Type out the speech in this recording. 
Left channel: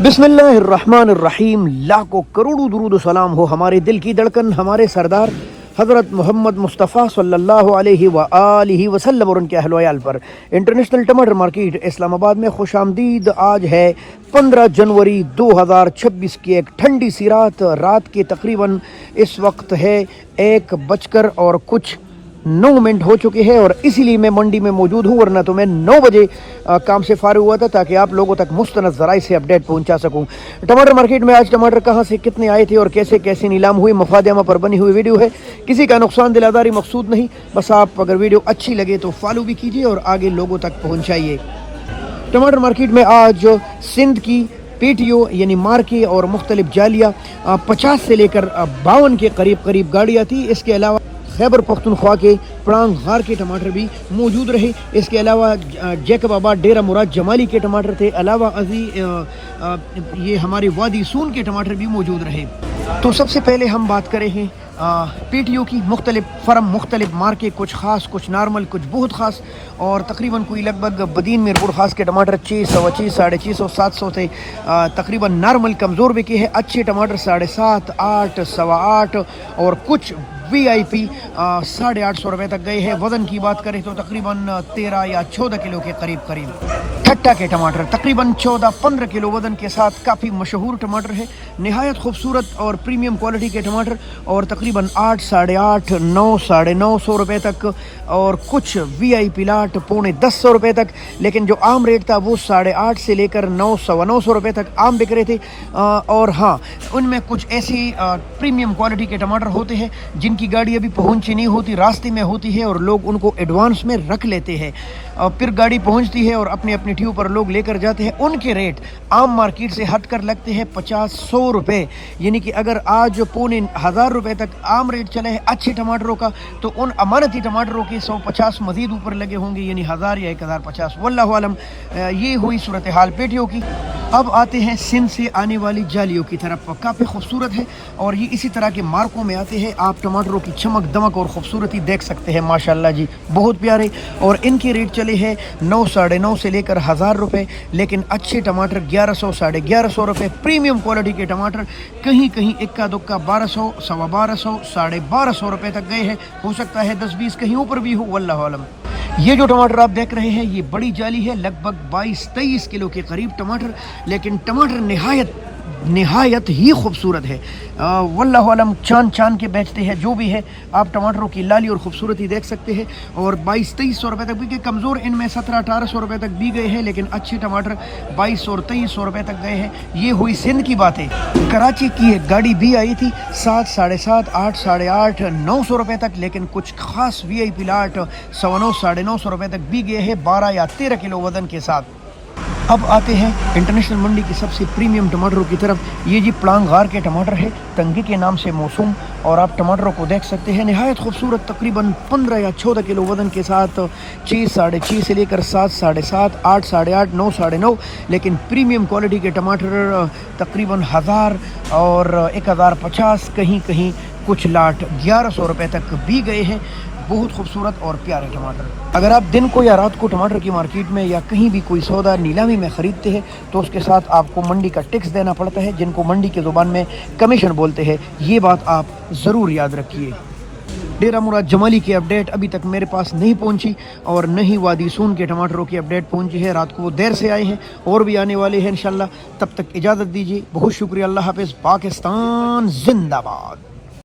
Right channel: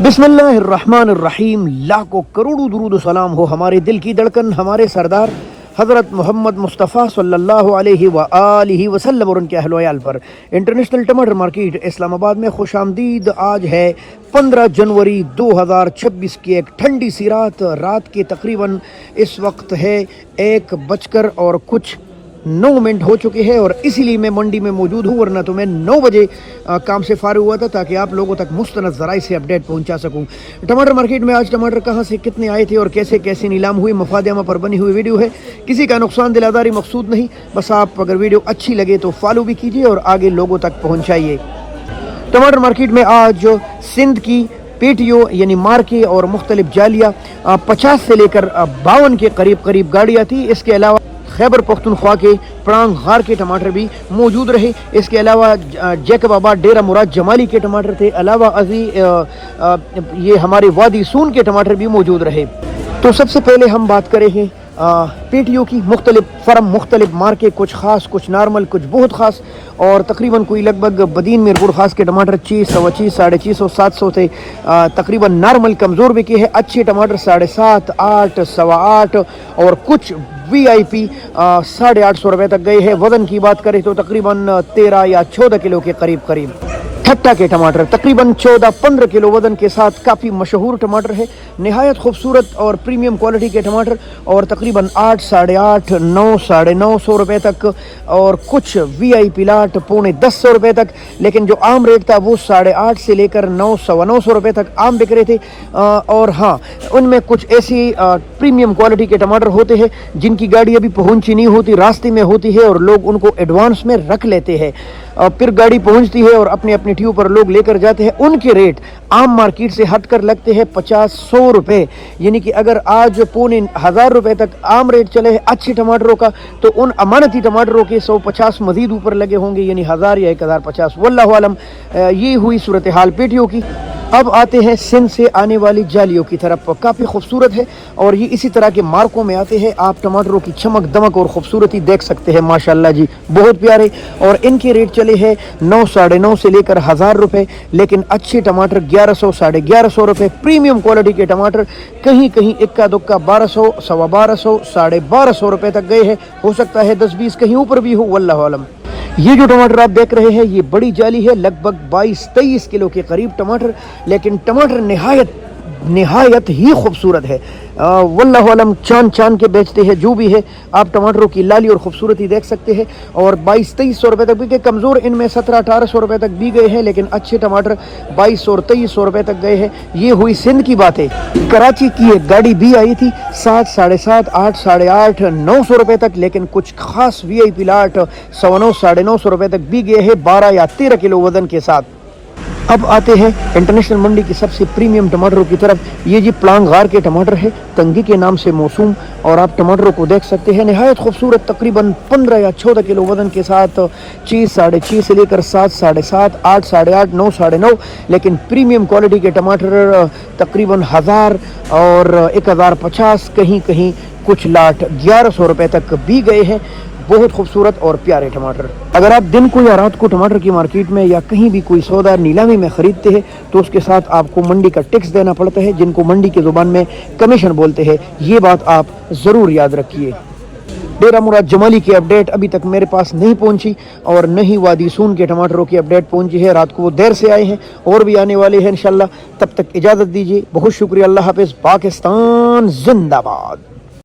बिस्मिल्लाहिर्रहमानिर्रहीम। लाखों करोड़ों दुरूद सलाम हो हमारे दिल की धड़कन हमारे सरदार हज़रत मोहम्मद मुस्तफ़ा सल्लल्लाहु अलैहि व आलिहि वसल्लम और उनके अहल व अयाल पर। इंटरनेशनल टमाटर मार्केट इस्लामाबाद में खुशामदीद। आज है 15 जनवरी 2026 की एक ठंडी सी रात के तकरीबन इस वक्त है 1:09 हो चुके हैं और इसीलिए मैं मंडी में मौजूद हूँ, वरना तो मैं 9 बजे काम से फारिग हुआ था ताकि आप लोगों तक मुस्तनद ज़राए से अपडेट पहुंचा सकूं। टमाटर मार्केट में आज टमाटर कहां से कितने आए थे और कैसे कैसे नीलाम हुई, मफादमा पर बनी हुई वीडियो है। किसी का नुकसान दिलादारी मकसूद नहीं, बस आप अगर वीडियो अच्छी लगे तो फॉलो भी कीजिए और आगे लोगों तक पहुँचाइए। टमाटर मार्केट में आज सिंध की पेटियों यानी मार्के और मुख्तलिफ जालियाँ 50 से लेकर 52 के करीब गाड़ियाँ थी। इसके अलावा खैबर पख्तूनख्वा के पड़ांग गार के टमाटर भी मौजूद रहे। इसके अलावा जैकबाबाद डेरा मुराद जमाली के टमाटर थे। अलावा अजी ये हमारे वादी सून के टमाटर भी मौजूद रहे। तो सबसे पहले हम बात करें हैं पेटियों की। मुख्तलिफ फर्म, मुख्तलिफ मार्के, कुछ ख़ास, कुछ नॉर्मल, कुछ बहुत ख़ास, और तकरीबन कोई लगभग बदीन मीरपुर खास के टमाटर 600, 25, 650, 700 थे। तकरीबन नॉर्मल कमज़ोर बिके हैं। अच्छे टमाटर 7.5, 8, 8.25 और कुछ VIP 850 रुपये तक गए हैं। वज़न की बात करें तो तकरीबन 13 या 14 किलो के करीब। खट्टा के टमाटर तकरीबन 14-15 किलो वज़न के साथ काफ़ी मशहूर टमाटर है। नहायत खूबसूरत और प्रीमियम क्वालिटी के टमाटर, और तकरीबन 8, 8.5, 9, 950 रुपये तक, और कुछ VIP लाट 9.5 रुपये तक। लेकिन जो आम रेट था वो 8.5 से लेकर 9, 950 रुपये तक आम बिक रहे थे। और हाँ, उनमें कुछ ऐसी प्रीमियम क्वालिटी के टमाटर होते हैं जिनकी गाड़ी अभी पहुंची नहीं होती, रास्ते में होती है, और लोग उनको एडवांस में रख लेते हैं। फिर गाड़ी पहुंचती है और अपने अपने ट्यूब पर लोग लेकर जाते हैं। उनके रेट आम मार्केट से हटकर लगते हैं 50-100 रुपये। यानी कि अगर आज 1000 रुपये तक आम रेट चले हैं अच्छे टमाटरों का, तो उन अमानती टमाटरों के 150 मजीद ऊपर लगे होंगे, यानी 1000 या 1050। वल्लाहु आलम। ये हुई सूरत हाल पेटियों की। अब आते हैं सिंध से आने वाली जालियों की तरफ। काफ़ी खूबसूरत है और ये इसी तरह के मार्कों में आते हैं। आप टमाटरों की चमक दमक और खूबसूरती देख सकते हैं, माशाल्लाह जी, बहुत प्यारे। और इनके रेट चले हैं 9, 950 से लेकर 1000 रुपये। लेकिन अच्छे टमाटर 1100, 1150 रुपये। प्रीमियम क्वालिटी के टमाटर कहीं कहीं इक्का दुक्का 1200, 1250, 1250 रुपये तक गए हैं। हो सकता है 10-20 कहीं ऊपर भी हो, वल्लाहु आलम। ये जो टमाटर आप देख रहे हैं ये बड़ी जाली है, लगभग 22-23 किलो के करीब टमाटर। लेकिन टमाटर निहायत ही खूबसूरत है। वल्लाहु अलम। चांद के बेचते हैं जो भी है। आप टमाटरों की लाली और खूबसूरती देख सकते हैं। और 22-23 रुपये तक बिके। कमज़ोर इनमें 1700-1800 रुपये तक भी गए हैं, लेकिन अच्छे टमाटर 2200 और 2300 रुपये तक गए हैं। ये हुई सिंध की बातें। कराची की एक गाड़ी भी आई थी 7, 7.5, 8, 8.5, 900 रुपये तक, लेकिन कुछ खास VIP लाट 900, 950 रुपये तक भी गए हैं 12 या 13 किलो वजन के साथ। अब आते हैं इंटरनेशनल मंडी की सबसे प्रीमियम टमाटरों की तरफ। ये जी पड़ांग गार के टमाटर है, तंगी के नाम से मौसूम, और आप टमाटरों को देख सकते हैं नहायत खूबसूरत। तकरीबन 15 या 14 किलो वजन के साथ 6, 6.5 से लेकर 7, 7.5, 8, 8.5, 9, 9.5। लेकिन प्रीमियम क्वालिटी के टमाटर तकरीबन 1000 और 1050, कहीं कहीं कुछ लाट 1100 रुपये तक भी गए हैं। बहुत खूबसूरत और प्यारे टमाटर। अगर आप दिन को या रात को टमाटर की मार्केट में या कहीं भी कोई सौदा नीलामी में खरीदते हैं तो उसके साथ आपको मंडी का टैक्स देना पड़ता है, जिनको मंडी की जुबान में कमीशन बोलते हैं। ये बात आप ज़रूर याद रखिए। डेरा मुराद जमाली की अपडेट अभी तक मेरे पास नहीं पहुंची, और न ही वादी सून के टमाटरों की अपडेट पहुंची है। रात को वो देर से आए हैं और भी आने वाले हैं इंशाल्लाह। तब तक इजाज़त दीजिए। बहुत शुक्रिया। अल्लाह हाफ़िज़। पाकिस्तान जिंदाबाद।